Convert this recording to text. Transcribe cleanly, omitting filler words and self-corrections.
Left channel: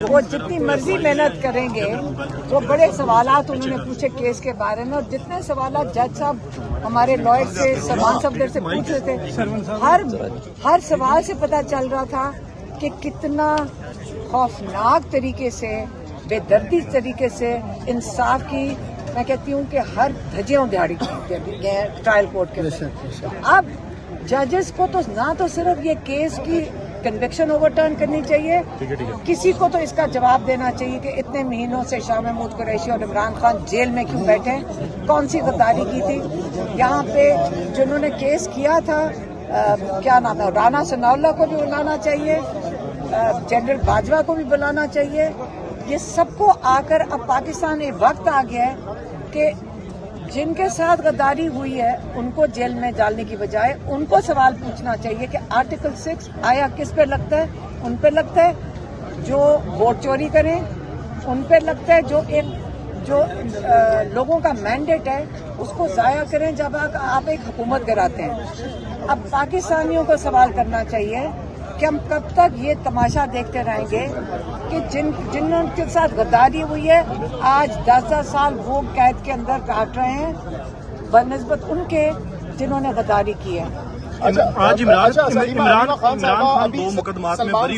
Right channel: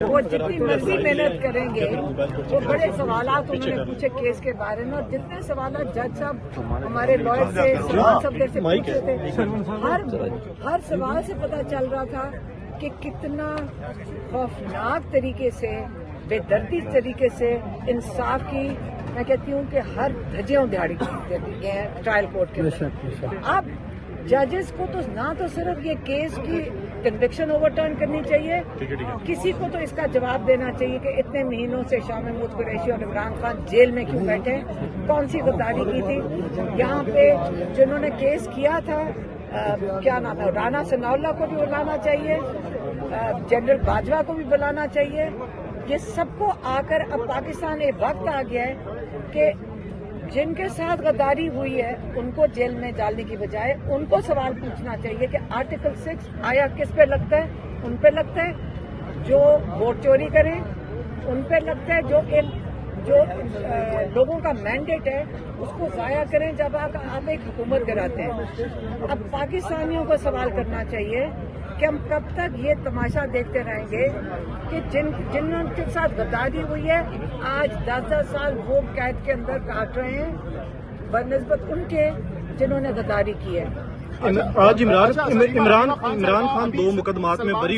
وہ جتنی مرضی محنت کریں گے وہ بڑے سوالات انہوں نے پوچھے کیس کے بارے میں، اور جتنے سوالات جج صاحب ہمارے لائر سے سلمان صفدر سے پوچھ رہے تھے، ہر سوال سے پتہ چل رہا تھا کہ کتنا خوفناک طریقے سے، بے دردی طریقے سے انصاف کی، میں کہتی ہوں کہ ہر دھجیاں دہاڑی گئے ٹرائل کورٹ کے اندر۔ اب ججز کو تو نہ تو صرف یہ کیس کی کنوکشن اوور ٹرن کرنی چاہیے، کسی کو تو اس کا جواب دینا چاہیے کہ اتنے مہینوں سے شاہ محمود قریشی اور عمران خان جیل میں کیوں بیٹھے، کون سی غداری کی تھی یہاں پہ۔ جنہوں نے کیس کیا تھا کیا نام ہے، رانا ثناء اللہ کو بھی بلانا چاہیے، جنرل باجوہ کو بھی بلانا چاہیے، یہ سب کو آ کر اب پاکستان ایک وقت آ گیا ہے کہ جن کے ساتھ غداری ہوئی ہے ان کو جیل میں ڈالنے کی بجائے ان کو سوال پوچھنا چاہیے کہ آرٹیکل 6 آیا کس پہ لگتا ہے؟ ان پہ لگتا ہے جو ووٹ چوری کریں، ان پہ لگتا ہے جو لوگوں کا مینڈیٹ ہے اس کو ضائع کریں جب آپ ایک حکومت گراتے ہیں۔ اب پاکستانیوں کو سوال کرنا چاہیے کہ ہم کب تک یہ تماشا دیکھتے رہیں گے کہ جنہوں کے ساتھ غداری ہوئی ہے آج 10 سال وہ قید کے اندر کاٹ رہے ہیں بنسبت ان کے جنہوں نے غداری کی ہے۔ آج عمران خان 2 مقدمات میں بری